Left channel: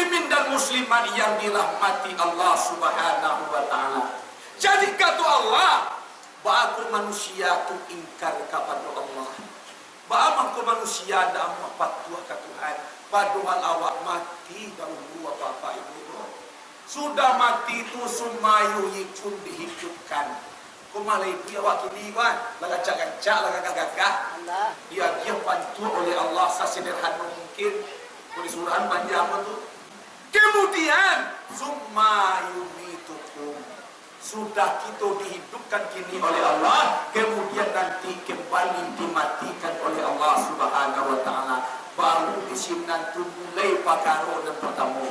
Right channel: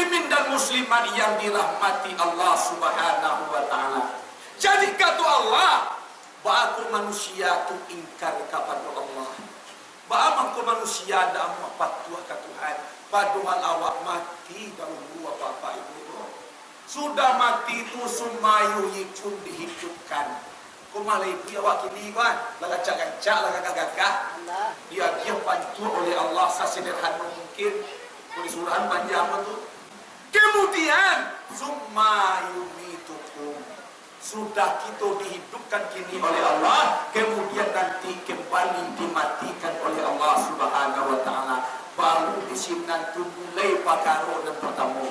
muslimin dan muslimat yang dirahmati Allah Subhanahu wa taala. Jadi kata Allah, ba'aku manusia tu ingkar kepada Allah. Ba'aku manusia dah patuh ke Tuhan. Padahal awak mati dahulu bapak ibu. Sudah mati tu sumayu yikun dihidupkan. Kumalah ibu awak kini kan, lagacak-gacak, lagagak-gagak. Dia bantu oleh Allah sesederhana mungkin. Disuruhan panjang tu. Kemudian sumayumitukum. Sudah kita dihidupkan kini oleh Allah, kemudian nanti kembali dimatikan oleh Allah Subhanahu wa taala. Baru di sini nanti mulai perkara dan pertama.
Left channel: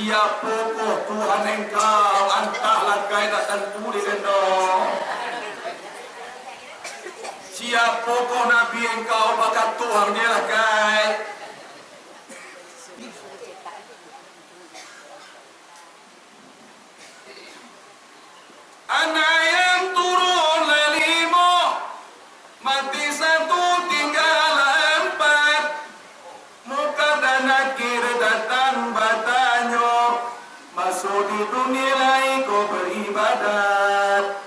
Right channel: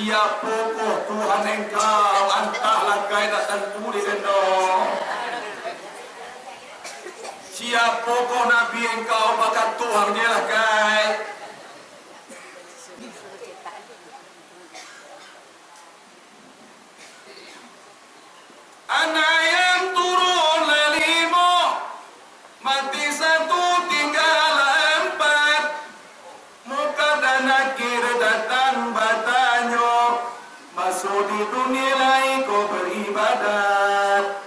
Siapa kau Tuhan engkau, entahlah kau datang tulis endong. Siapa kau Nabi engkau, maka Tuhan dia lah kau. Anak yang turun lelimo, mati satu tinggal empat. Muka dan akhir datang batanyo, masuk di dunia lain kau beribadat.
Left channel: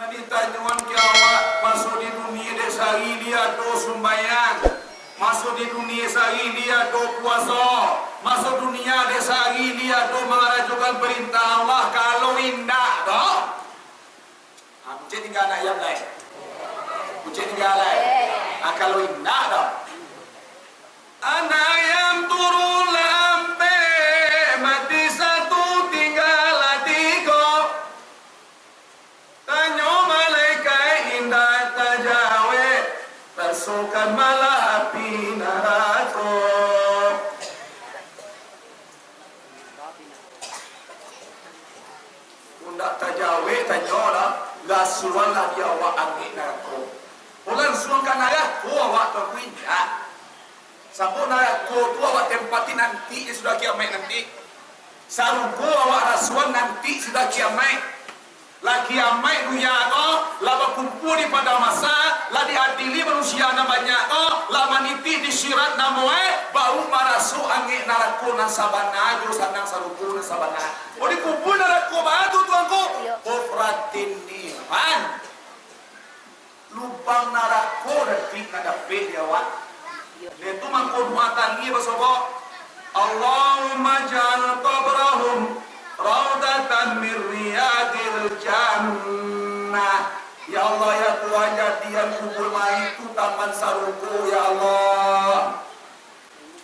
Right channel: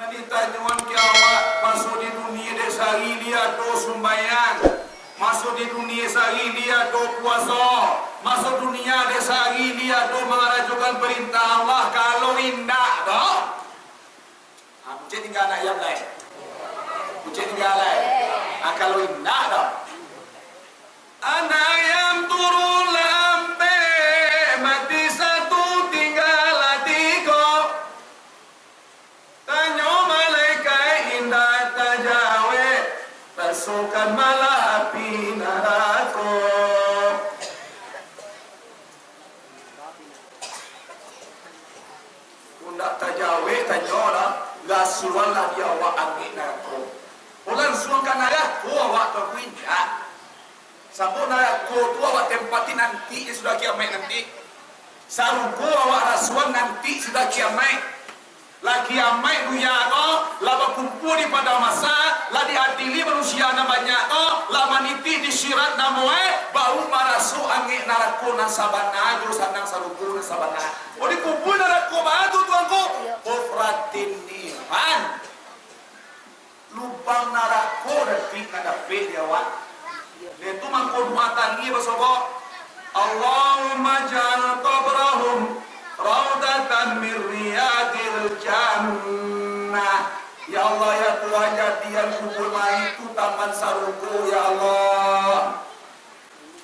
Nanti tanyuan ke awak, masuk di dunia dek sehari dia do sumbayang, masuk di dunia sehari dia do puasa, masuk dunia dek sehari dia do mengarajukan perintah Allah. Kalau indah doh, bucet tinggal anak yang lain, bucet tinggal lain. Kalau indah doh, anak yang turun lampe, mati satu tinggal tiga. Tanya malaikat indah tajawe, tersukan malah api neraka. Undak tajawe tanya lah, gasuan lah dia awak angin neraka. Ulang suangkan ayah, ku awak tak kuindah. Sabun aku tu awak tempati nanti sudah kiamat nanti. Saruku awak rasuan nanti sudah kiamat. La kiamat dunia ko, la berkumpul di pada masa, la diadili manusia na banyak ko, la maniti di syirat na moe, bau marasu angin narako na sabana, jurusan nang saruku na sabana. O dikumpul narako batu tuanku, kufratin niman. Lubang narako nanti nadapit dia awak. Itu mangkul muatan dia bersobat. Allahumma ja'al qabrahum raudatan min riyadil jannah. Ya Allah ya Tuhan, jadian kubur itu taman saruku ya Allah.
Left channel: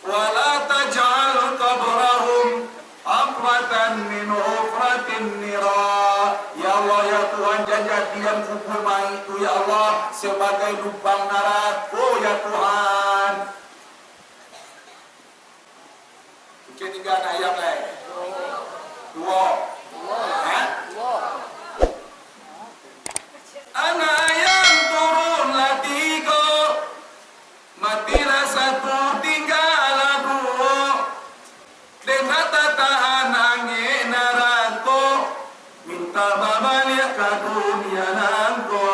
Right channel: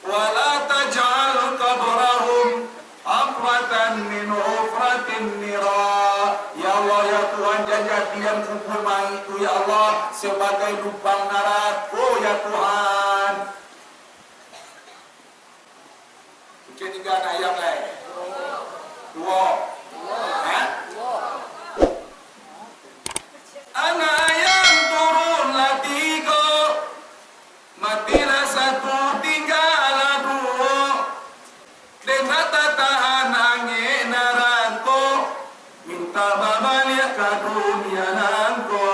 Wala taj'al qabrahum amratan min hufratin nira. Ya Allah ya Tuhan, jadian kubur itu ya Allah sebagai lubang neraka ya Tuhan. Mungkin tinggal nak ayam lain. Dua. Anak ayam turunlah tiga, matilah satu tinggallah dua. Dengan tahan angin neraka, minta balik ke dunia nangko.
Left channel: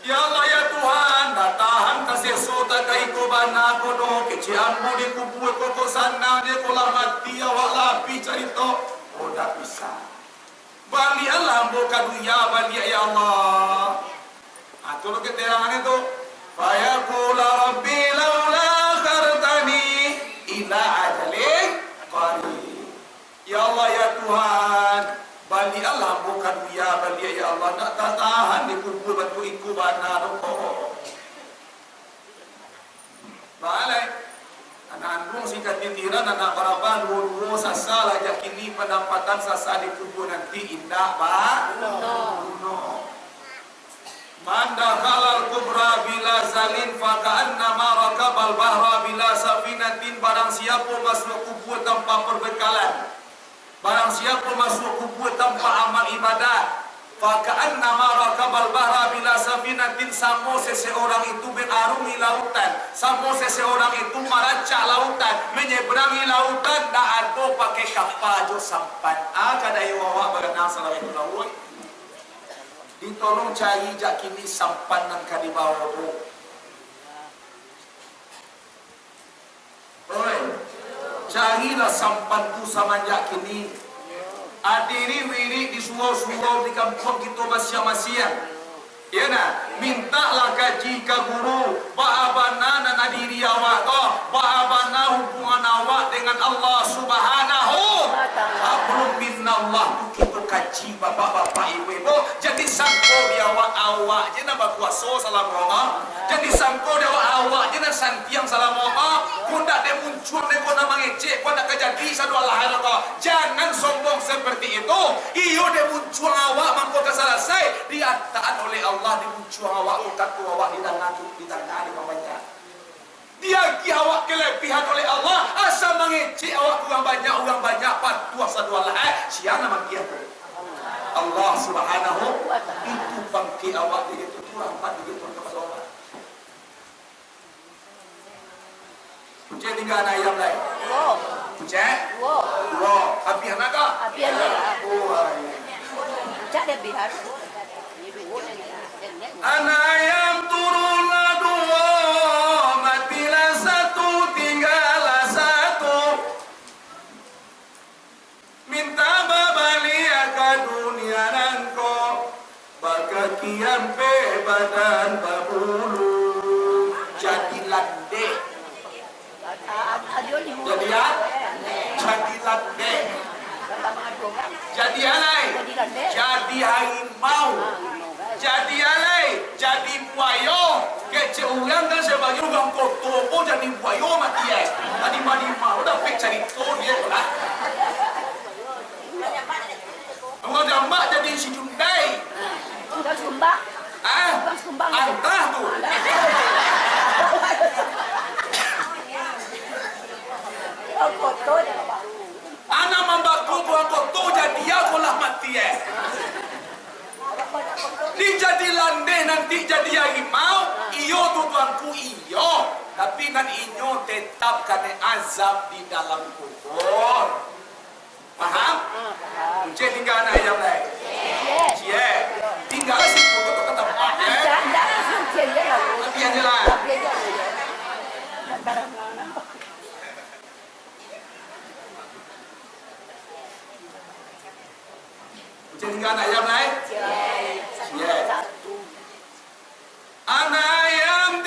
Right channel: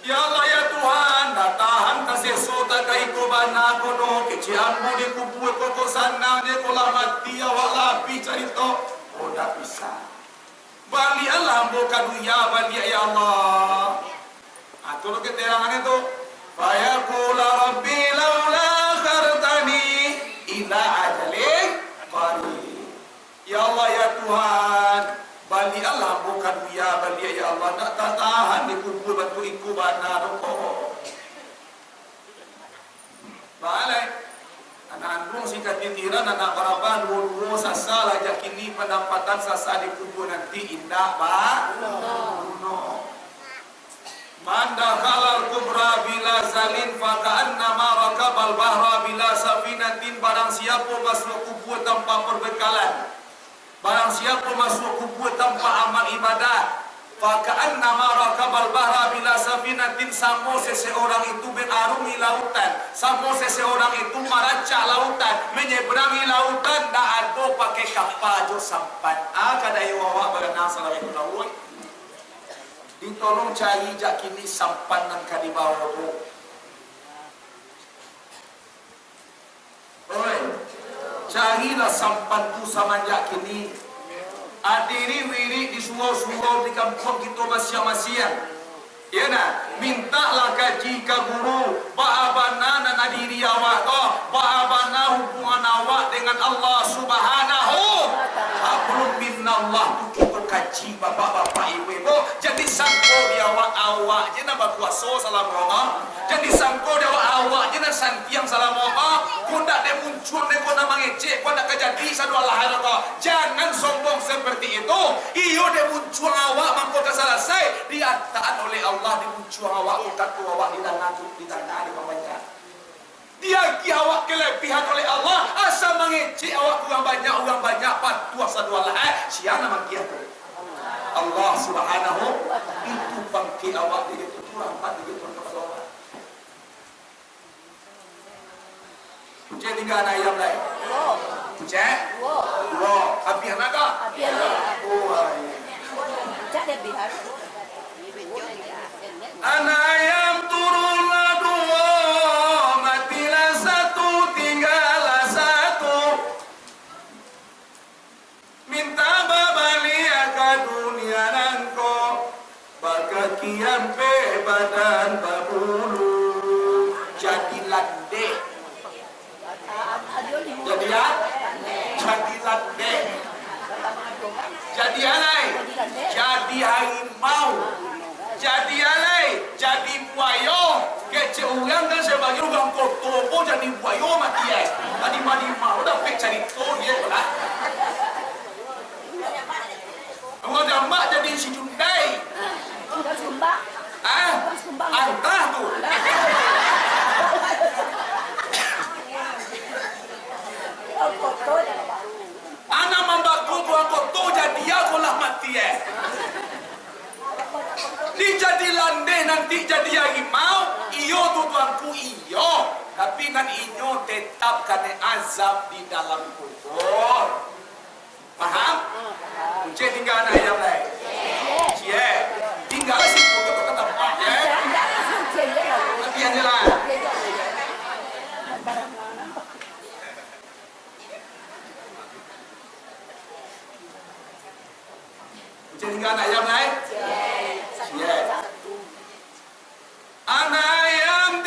Ya Allah ya Tuhan, tahan kasih sota kaikuban aku no kecianmu di kubur koko sana dia kolah mati awak lapi cerita. Oh tak bisa. Bali Allah buka dunia bali ya Allah. Atau lo keterangan itu. Fayaqula rabbi laula khartani ila ajalin qarib. Ya Allah ya Tuhan, bali Allah buka dunia bali ya Allah, tak tahan di kubur batu iku bana rokok. Balai anak kung si katitiran na nakarapan wuro sasal aja kini pendapatan sasa di kubur nanti indah ba? No. Manda halal kubra bila zalin faka'anna marakabal bahra bila safinatin. Barang siapa masuk kubur tanpa perbekalan, barang siapa masuk kubur tanpa amal ibadat, faka'anna marakabal bahra bila safinatin. Samo seseorang itu berarungi lautan, samo seseorang itu meracak lautan, menyeberangi lautan, dak ada pakai kapal jo sampan. Kadai wawa baganang salawatu lawui ditolong cari jak kini sampan nang ka di bawah tu. Oi, carilah sampan tu samanjak kini. Adiri wiri di surau-surau di kampung kita masing-masing. Ya nak, mintalah kaji ke guru, bagaimana nak adiri awak tu, bagaimana hubungan awak dengan Allah Subhanahu. Belum minallah tu kita kaji bapak-bapak ibu-ibu. Jadi sangko dia awak je nak berkuasa salam Allah. Jadi sangko dia awak je nak santiang salam Allah. Kau nak dia muncul dia kau nak mengecek, kau nak kejadi satu Allah tu. Jangan sombong seperti itu. Iyo dia muncul awak mampu selesai diataan oleh Allah, dia muncul awak kata awak di tangan di bawahnya. Dia ki awak kelebihan oleh Allah, asal mengecek awak orang banyak patuh satu Allah. Siapa nama dia tu? Allah Subhanahu itu bangkit awak dia itu kurang pat dia itu kepada Allah. Punya tinggal ayam lain. Punya? Wow. Habis nak tak? Habis nak. Oh. Cak dia bihar. Anak ayam turunlah dua, matilah satu, tinggallah satu. Minta babalia ke dunia nangko, bakakian pe badan babulu. Jadi landek. Jadi ya? Jadi landek. Jadi alai. Jadi harimau. Jadi alai, jadi buaya. Kecil orang kan sebagai orang kotor, oh jadi buaya mati ya. Tadi mau dah pek cari tu dia lah. Orang jambak jadi si Jundai. Orang sumbang. Antah tu. Orang kotor dah. Anak membaku orang kotor jadi aku lah mati ya. Dia jadi landai nanti jadi harimau. Iyo tu tuanku iyo. Tapi nan inyo tetap kena azab di dalam kubur. Faham? Encik tinggal anak ayam lain. Cie. Tinggal si kubur tu ke tempat ya. Tapi yang jelas. Encik tinggal anak ayam lain. Anak ayam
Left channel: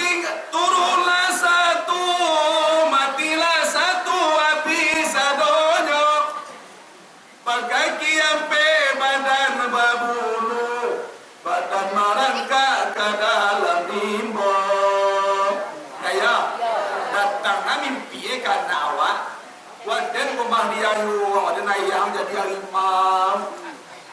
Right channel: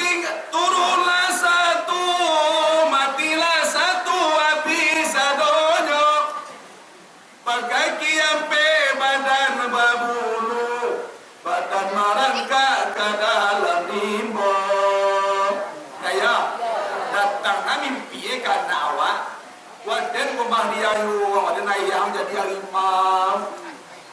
turunlah satu, matilah satu, habis adonyo. Pakai kiampe badan babulu, badan merangkak ke dalam limbo. Kaya datang mimpi karena awak. Waden rumah dia waden ayam jadi harimau.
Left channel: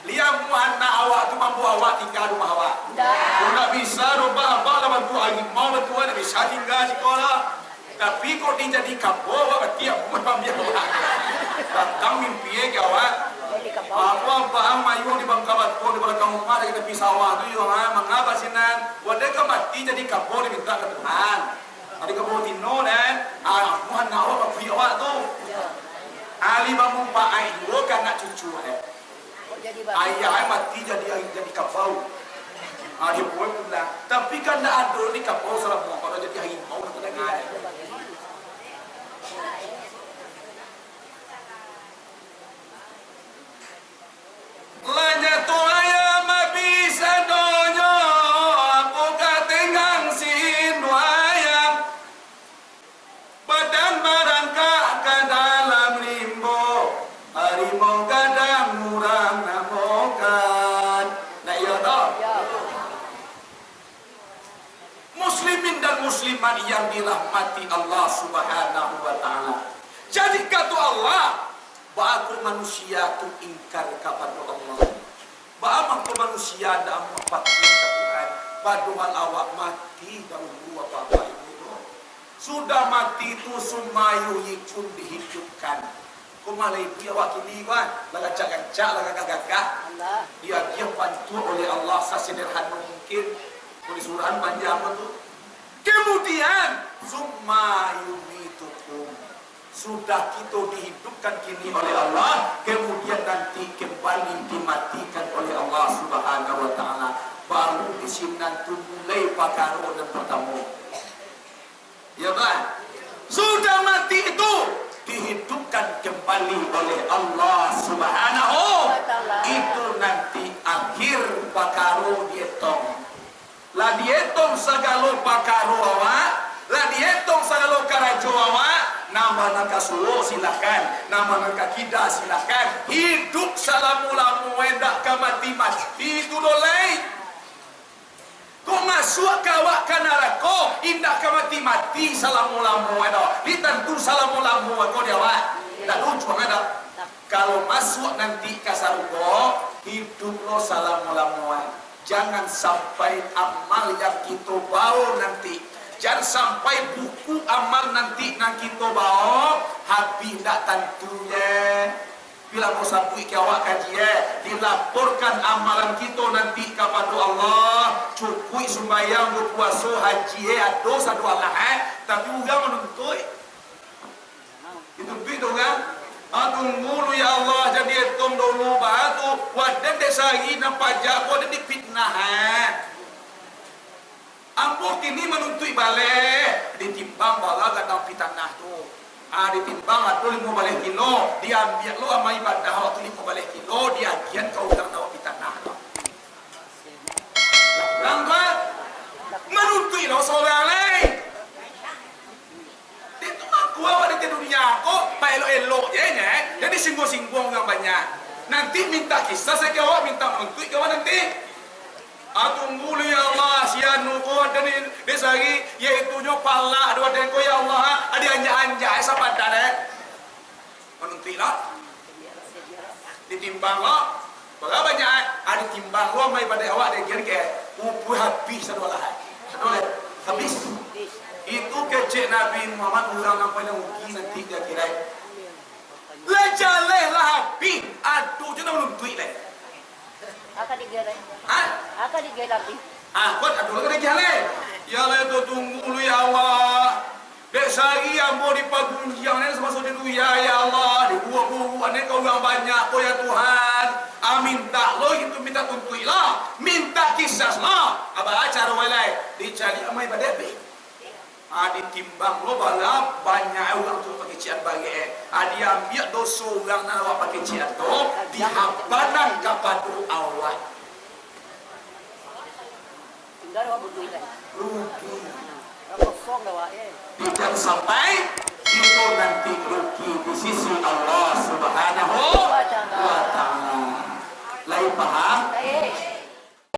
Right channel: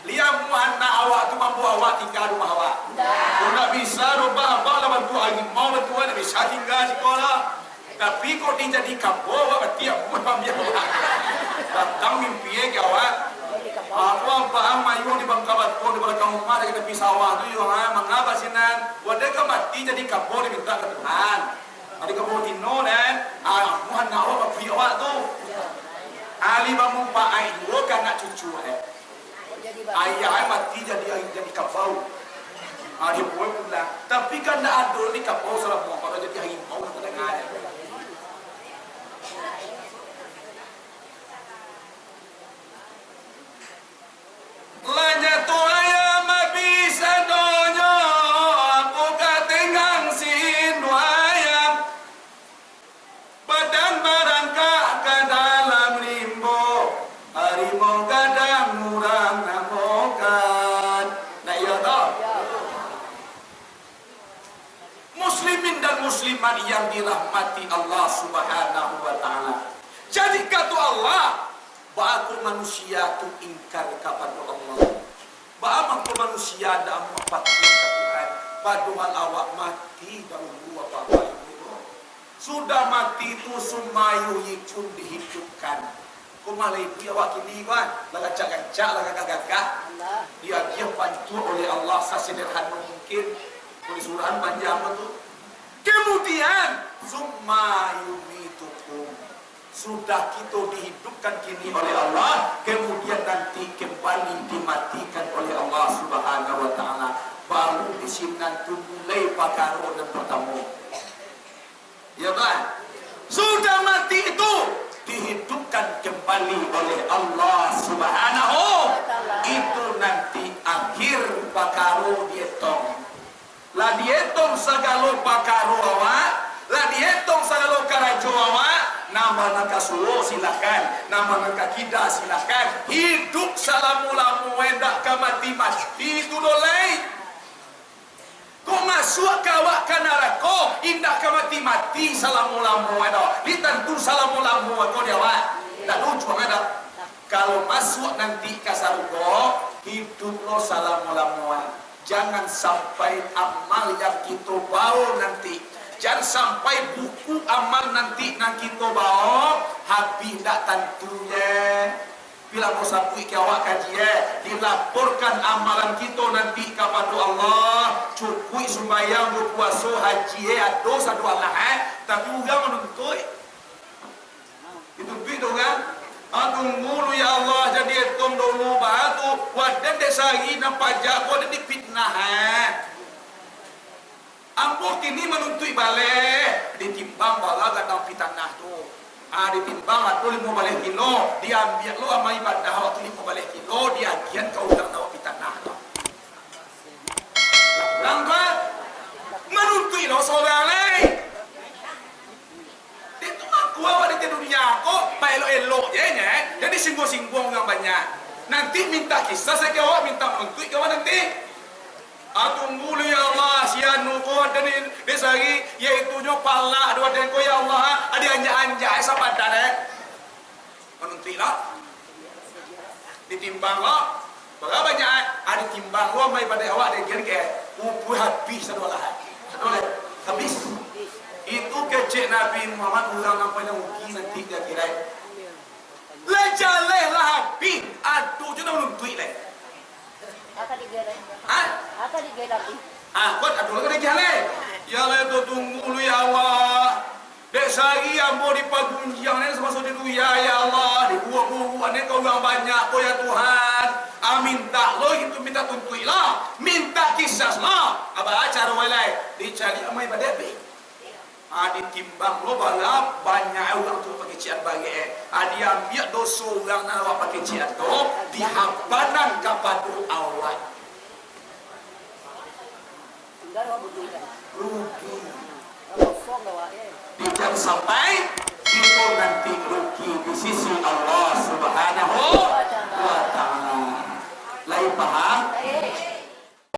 Lihat anak awak tu mampu awak tinggal rumah awak. Kau nak bisa rumah abang lah bantu harimau bantu nak bisa tinggal sekolah. Tapi kau dia jadi kampung awak tiap rumah biar awak. Datang mimpi ke awak. Aku paham mayu di Bangka Batu di belakang rumah ada kita pisawah tu yang mengapa sinan. Wadah ke mati jadi kampung diminta ke Tuhan. Ada kampung tino dan aku anak awak bagi awak tu. Ali bangun pak ayu kan nak cucu ayah mati jadi kapau. Dia boleh pulang. Tapi kan tak ada ni kapau salah mau kalau jadi harimau nak dengar. Lanya tu ayam bisa donyo, aku katengang sin ayam. Badan barangkak ke dalam limbo, harimau kadang murang namokan. Nak ya tak? Muslimin dan muslimat yang dirahmati manusia tu ingkar kepada Allah. Bagaimana tu manusia dah mempatuhi Tuhan. Padahal awak mati dahulu apa-apa itu. Sudah mati tu sumayu yikun dihidupkan. Kumalai dia awak kini kan, lagacak-gacak, lagagagagah. Dia bantu oleh Allah sesederhana mungkin. Oleh surahan panjang tu. Kemudian sumayu mitukum. Sudah kita dihidupkan kini oleh Allah, kemudian nanti kembali dimatikan oleh Allah Subhanahu wa taala. Baru di sini nanti mulai perkara dan pertama. Ya kan? Sudah mati itu dihidupkan kembali oleh Allah Subhanahu. Itu nanti akhir perkara dietong. Lah dietong segala perkara awak, lah dietong segala karajo awak. Nama nak suwo silakan, nama nak kida silakan. Hidup salamu-lamu endak ke mati-mati itu dolai. Kau masuk ke awak ke neraka, indak ke mati-mati salamu-lamu endak. Ditentu salamu-lamu kau dia awak. Tak lucu ada. Kalau masuk nanti ke surga, hidup lo salamu-lamu. Jangan sampai amal yang kita bawa nanti. Jangan sampai buku amal nanti nak kita bawa habis tak tentunya. Bila kau sabui ke awak kaji dilaporkan amalan kita nanti kepada Allah. Cukui sembahyang berpuasa haji dosa dua lah tapi orang menuntut. Itu begitu kan? Tunggu ya Allah jadi etom dulu batu wadah desari nampak jago dan dipitnah. Ambo kini menuntut balik ditimbang bala gadang pitanah tu. Ditimbang atau 5 balik kilo diambil lo sama ibadah waktu 5 balik kilo diagian kau utang dawa pitanah tu. Lambat menuntut lo seorang lain. Itu aku awak di dunia kok pak elok-elok je nya. Jadi singgung-singgung orang banyak. Nanti minta kisah saya ke awak minta menuntut ke awak nanti. Tunggu ya Allah sianu ko dan desari yaitu nyo pala dua den ko ya Allah ada anja-anja sapadan menuntutlah ditimbang lo berapa banyak ada timbang lo mai pada awak de ke upu habis satu lah habis itu kecek Nabi Muhammad orang apa yang ugi nanti dia kira lejaleh lah habis aduh je nak menuntut lah. Akan digelar. Akan digelar. Kau ada lagi jalan. Ya Allah tu tunggu lu ya Allah. Dek sari ambo di pagunjiang ni semasa di ya Allah. Di buah-buah ni kau yang banyak kau ya Tuhan. Minta lo itu minta tuntui lah. Minta kisah lah. Apa acara walai dicari amai badebi. Ditimbang lo balap banyak orang tu pakai cian bagi dia ambil dosa orang nak awak pakai cian tu dihampanan kepada awak tinggal awak rugi jangan sampai